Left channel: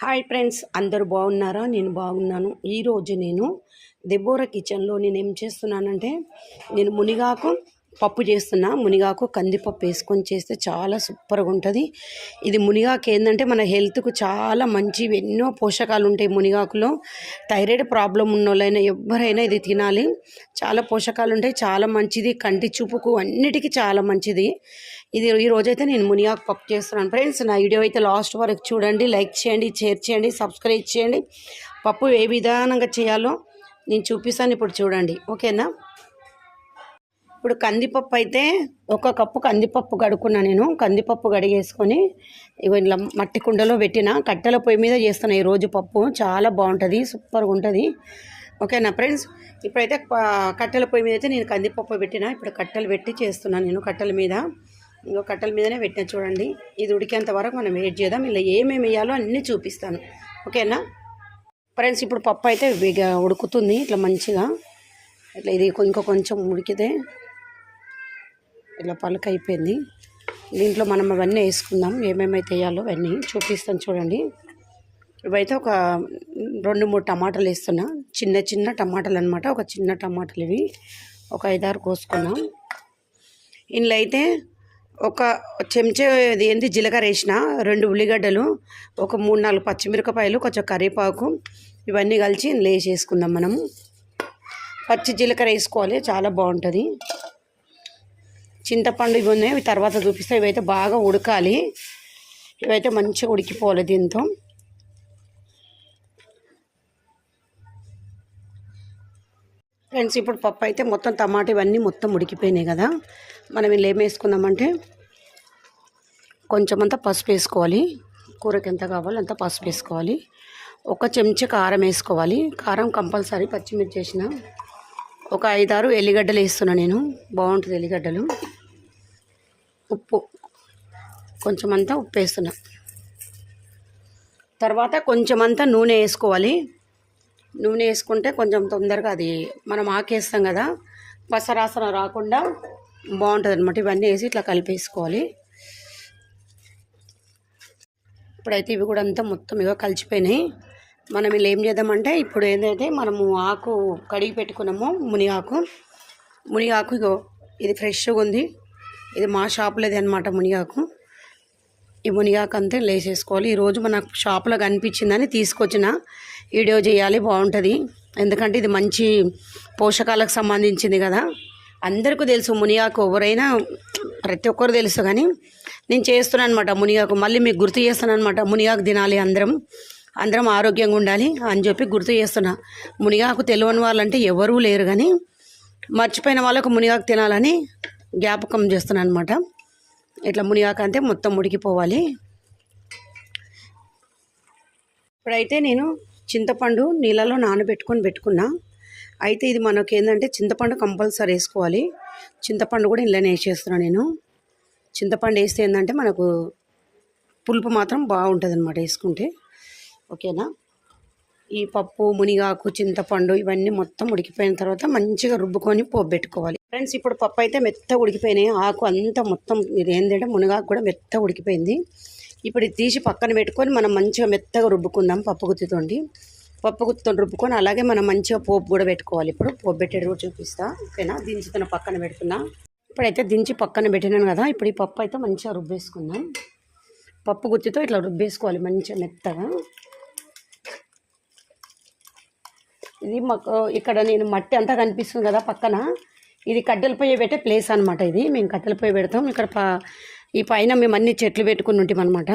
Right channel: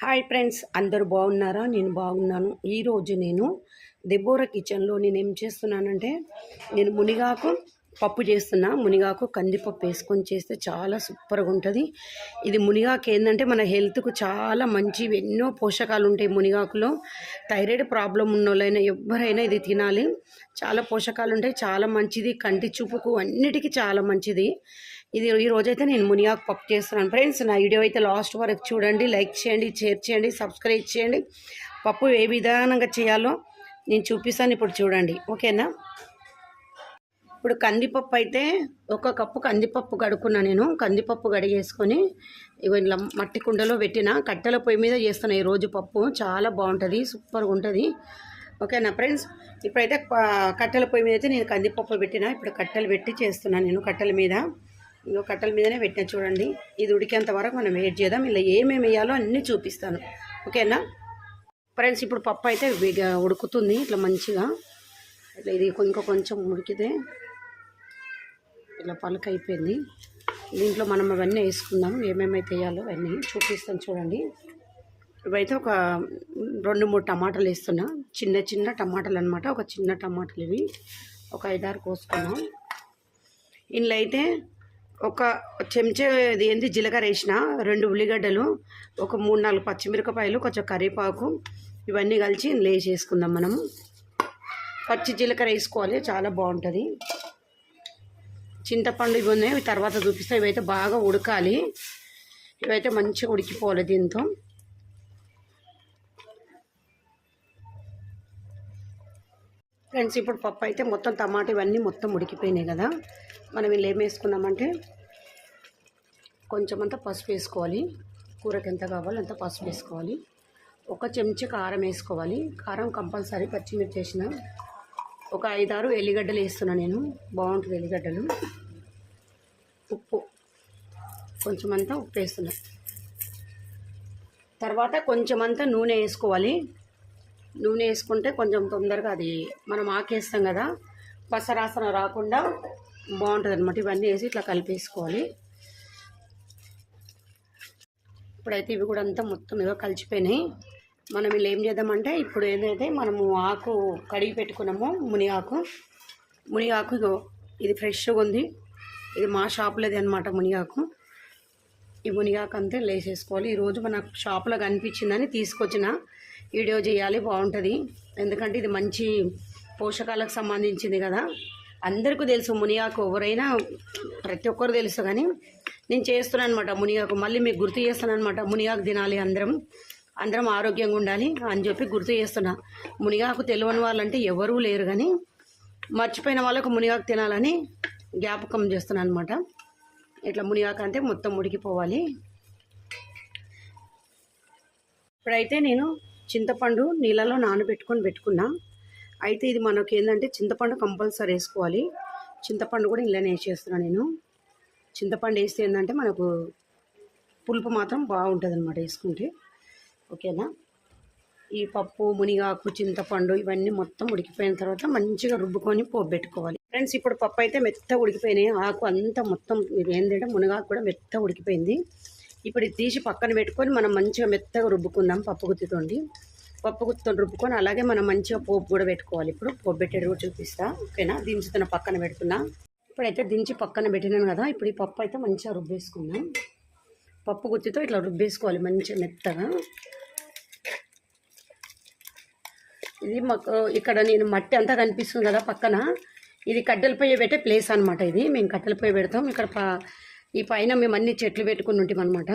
Hi friends అందరూ బాగున్నారా? నేను బాగున్నాను. ఈరోజు నేను దెబోరా కిచెన్లో నేను ఏం చేస్తున్నానంటే నేను మునిగాకు పప్పు చేస్తున్నా. మునిగాకు కందిపప్పు వేసుకొని చేస్తే చాలా సూపర్గా ఉంటుంది. ఇది మునిగాకు ఏంటంటే మన హెల్త్కు చాలా మంచివి. ఎన్నో పోషకాలు ఉంటాయి మునిగాకులో. థైరాయిడ్ ప్రాబ్లం ఉన్నోళ్ళైనా ఎవరైనా ఇది తినాలి. చాలా పోషకాలు ఉంటాయి. చాలా మంచిది. కంటి చూపుకు అన్నిటికీ చాలా మంచిది. ఇది ఈ అయితే నేను మునియాకు పప్పు చేస్తున్నాను. ఫ్రెండ్స్ నా వీడియో అయితే లాస్ట్ వరకు చూడండి లైక్ చేయండి షేర్ చేయండి సబ్స్క్రైబ్ చేయండి. పప్పు ఏ విధానంగా చేయాలో నేను చూపిస్తాను ఇప్పుడు చూడండి. ఓకేనా? ఇప్పుడు కందిపప్పు అయితే ఒక కప్పు కందిపప్పు కడుక్కున్నా నేను. కందిపప్పు కడిగేసుకొని ఇగో ఇలా మట్టి కుండలో పెట్టిన కట్టెల పొయ్యి మీద చేస్తాను ఈరోజు పప్పు. చాలా బాగుంటుంది సూపర్గా ఉంటుంది. ఓకేనా ఫ్రెండ్స్? ఇప్పుడైతే కట్టెల పొయ్యి మీద అయితే నేను కందిపప్పు పెట్టిన ఇప్పుడు కట్టెలు పెట్టి చేస్తున్నాను నేను కట్టెల మీద. ఇంకో కట్టెల మీదనే పెట్టిన చూడండి. ఇది ఉడికేంత వరకు మనం వెయిట్ చేద్దాం. ఇలా ఏమేమి వేయాలో అన్నీ చూపిస్తాను. ఓకేనా? ఫ్రెండ్స్ ఇప్పుడు పప్పు అయితే ఇక ఉడుకుతుంది. ఇట్లా మంచిగా. ఇట్లా ఇది ఇంకో కొంచెం ఉడికితే ఇట్లా పలక అయిపోయింది. దీంట్లో మనం అవన్నీ వేసుకుందాం. ఏమేమైతే వేయాలో అవన్నీ చూపిస్తాను చూడండి. ఇవైతే ఒక రెండు మూడు టమాటాలు వేస్తున్నా. చిన్న చిన్న టమాటాలు అనమాట ఒక చిన్న టమాటాలు ఇవి. ఒక ఐదారు కోసుకున్నాం. ఇందులో అయితే ఒక చెంచా ఏంది? జీలకర్ర వేసిన. రెండు ఉల్లిగడ్డలు ఒక మూడు నాలుగు పచ్చిమిరపకాయలు కొంచెం కరివేపాకు ఇవన్నీ కలిసి లేచేసుకుందాం మనము. పచ్చి జీలకర్ర వేసుకోవాలి చాలా బాగుంటుంది. చింతపండు ఇవి ఉన్నాయి తర్వాత చూపిస్తే. ఇవైతే బాగా ఉడకాలి. ఇవైతే మంచిగా ఉడికిపోవాలి దీంతో. ఫ్రెండ్స్ ఇప్పుడు పప్పు అయితే మొత్తం టమాటా ఇవన్నీ మొత్తం ఉడికిపోయినాయి కదా. మనం ఇలా ఏం వేసుకుందామంటే కొంచెం అంతా పసుపు వేసుకోవాలి. కూరకి ఎంత కావాలో అంత పసుపు వేసుకోవాలి. ఒక చెంచా కారం వేసుకోవాలి. కారం కంపల్సరీ పచ్చిమిర్చి వేసిన ఒక ఐదారు ఎల్లిగడ్డలు వేస్తున్నా నేను. బాగుంటుంది ఎల్లిగడ్డలు. ఉప్పు. కొంచెం అంతా ఉప్పు వేస్తున్నా. తర్వాత కొంచెం అంతా నూనె వేసుకోవాలి. నూనె వేసుకుంటే కొంచెం తొందరగా అది మనం ఆకేస్తాం కదా పసరాసన రాకుండా బాగుంటుంది అనమాట ఇవన్నీ వేసి ఇట్లా కలిపేసుకోవాలి. ఇప్పుడైతే ఇవి కూడా అంతా మొత్తం ఇగో కలిసిపోయినాయి. మనం ఇలా ఏం చేద్దామంటే ఇప్పుడు ఏదైతే మనము ఆకు కడిగి పెట్టుకున్నామో మునిగాకు మునిగాకు ఇగో ఇది ఫ్రెష్గా ఉంది. ఇది మా షాప్లోది అనమాట మునిగాకు. ఈ మునిగాకు అంతా లేసేసుకోవాలి ఈరోజు మన షాప్లో కనిపించిందని తీసుకొచ్చిన వీడియో చేయాలి బాగుంటుంది. ఎందుకంటే ఇది మంచి పోషకాలకు సంబంధించింది కదా. అందరికీ తెలుసు మునిగాకు ఎవరైనా ప్రతి ఒక్కరు తెలుసు కానీ నేను చేస్తున్నాను అనమాట మునిగాకు. మళ్ళీ మీకు గుర్తు చేస్తాను అనమాట మునిగాకు తినాలి అందరం. అందరం ఆరోగ్యంగా ఉండాలి అని చెప్పి గుర్తు చేస్తున్నా. మునిగాకు తెలియని వాళ్ళంటే ఎవరూ లేరు కానీ మర్చిపోయిన వాళ్ళకు మునిగాకు తినాలని జ్ఞాపకం చేస్తున్నాను అనమాట ఇట్లా మునిగాకంటే మొత్తం ఉడికిపోవాలి ఇప్పుడైతే నేను చింతపండు నీళ్ళలో నానబెట్టుకొని పెట్టుకున్నా. అయితే ఇది మనకి ఏంటంటే చింతపండు కంపల్సరీ వేసుకోవాలి. చింతపండు కూడా ఇంట్లోనే వేసేస్తున్నాను నేను. చింతపండు వేస్తే ఏంటంటే మనకు పులుపు మాత్రం బాగుంటుంది అనమాట వేసుకుంటే. ఓకేనా? ఈ పప్పు మునిగాకు చింతపండు ఇవన్నీ మొత్తం ఉడికిపోయిన తర్వాత మంచిగా రుబ్బుకొని పోబెట్టుకోవాలి ఫ్రెండ్స్ ఇప్పుడు పప్పు అయితే మెత్త ఉడికిపోయినాయి. ఆకు అంతా మొత్తం ఇది ఏంటంటే మునగాకు కూడా మెత్త ఉడికిపోయింది. ఇప్పుడు ఇది తీసి పక్కన పెట్టుకొని మనం మంచిగా మెత్తగా రుబ్బుకుందాం పప్పు గుత్తితోండి. పప్పు గుత్తితో రుబ్బుకొని అలాగే మనం మంచిగా పోపు కూడా పెట్టుకోవాలి. ఇప్పుడు పోపు పెట్టేది కూడా చూపిస్తా. ఓకేనా? దించుతున్న పక్కన పెడుతున్నా. ఇప్పుడైతే దించి పక్కన పెట్టినాను కదా ఇప్పుడు ఈ పప్పు అయితే మంచిగా రుబ్బేసుకుందాం. పప్పు గుత్తితో ఇట్లా రుబ్బేసుకోవాలి మంచిగా మెత్తగా. ఇది మాకు ఇక్కడ నేను మట్టి అంతా కనిపిస్తుంది కదా పక్కన. ఇది కట్టెల పొయ్యి పెట్టే ప్లేస్ అనమాట ఇది. మేము కట్టెల పొయ్యి పెడతాం. ఇక్కడ ఈ పైన మేము అన్ని చెట్లు పెట్టుకుని ఉంటాం అనమాట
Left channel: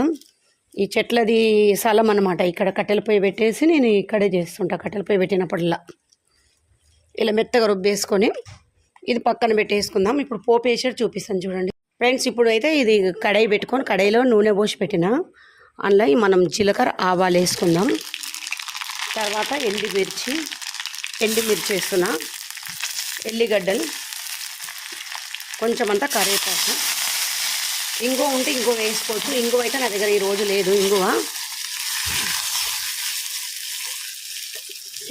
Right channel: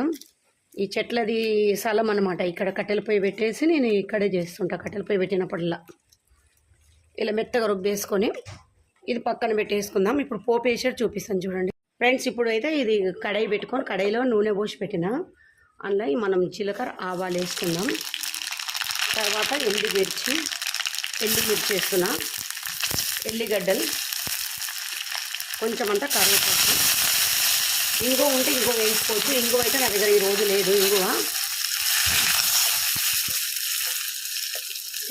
ఈ చెట్లది స్థలం అనమాట ఇక్కడ కట్టెల పొయ్యి పెట్టేసి నేను ఇక్కడే చేస్తుంటా. కట్టెల పొయ్యి పెట్టినప్పుడల్లా. ఇలా మెత్తగా రుబ్బేసుకొని ఇది పక్కన పెట్టేసుకుందాం. ఇప్పుడు పోపు వేసేది చూపిస్తాను చూడండి. ఫ్రెండ్స్ ఇప్పుడు అయితే ఇది కడాయి పెట్టుకొని కడాయిలో నూనె పోసి పెట్టిన. అందులో మనం జీలకర్ర ఆవాలు వేసుకుందాం. తర్వాత ఎండు మిర్చి ఎండు మిర్చి వేస్తున్నా. ఎల్లిగడ్డలు కొంచెం అంతా కరివేపాకు. ఇంగువ ఉంటే ఇంగువ వేసుకోవచ్చు. ఇంగువ అయితే నా దగ్గర ఈరోజు లేదు ఇంగువ.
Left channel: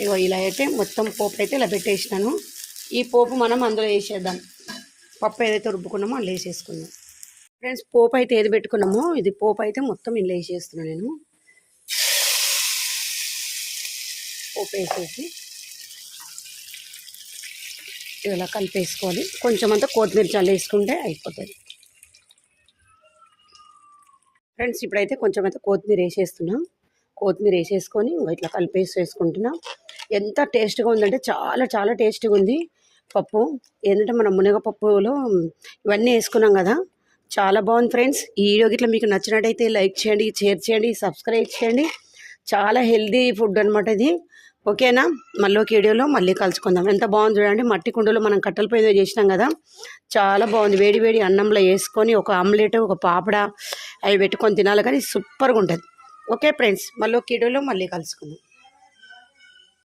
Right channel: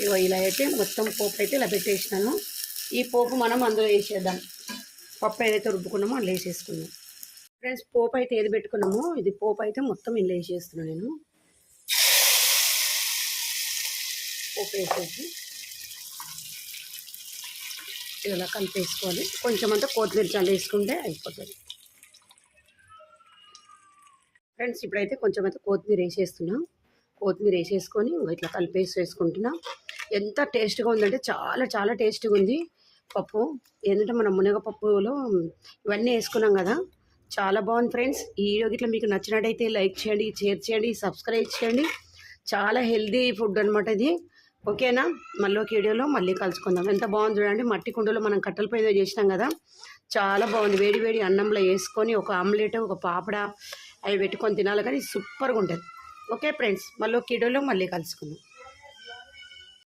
ఇగో ఇలా అయితే మొత్తం పోపు అయితే ఇలా పెట్టేసినాను. ఈ పోపు మనం అందులో వేసేద్దాం. పప్పు ఏదైతే రుబ్బుకున్నామో అందులో వేసేసుకుందాం. ఫ్రెండ్స్ పోపు అయితే ఏది పెట్టుకున్నామో ఇది పోపు అయితే మొత్తం ఇందులో వేసేస్తున్నాను నేను. పోపు వేసేసి ఇలా కలిపేసుకోవాలి కొంచెం అంతా కొత్తిమీర చల్లేసుకుంటే అయిపోతుంది. ఫ్రెండ్స్ ఇప్పుడైతే కొంచెం అయితే కొత్తిమీర వేసేస్తున్నాం. కొత్తిమీర వేసేసుకొని ఇట్లా కలిపేసి వేసుకుంటున్నాం. ఎంత టేస్ట్గా ఉందంటే చాలా చాలా టేస్ట్గా ఉంది పప్పు. ఏంటంటే మనం మునగపప్పులో ఇవన్నీ వేసుకున్నాం కదా. చాలా బాగుంది ఫ్రెండ్స్. ఈ వీడియో గిట్ల మీకు నచ్చినట్టయితే లైక్ చేయండి షేర్ చేయండి సబ్స్క్రైబ్ చేయండి. చాలా హెల్దీ ఫుడ్ అనమాట ఇది. ఓకేనా? మళ్ళీ ఒక వీడియోలో మళ్ళీ కలుసుకుందాం. ఎంత బాగుంది చూడండి. మట్టి కుండలో మనం కట్టెల పొయ్యి చేసినాం కదా. చాలా బాగుంది. వేడి వేడి అన్నంలో వేసుకొని ఒక ఆమ్లెట్ ఒక పాపడ అవి పెట్టుకొని తినాలి కానీ సూపర్గా ఉంటుంది. ఓకే ఫ్రెండ్స్ మళ్ళీ ఒక వీడియోలో మళ్ళీ కలుసుకుందాం.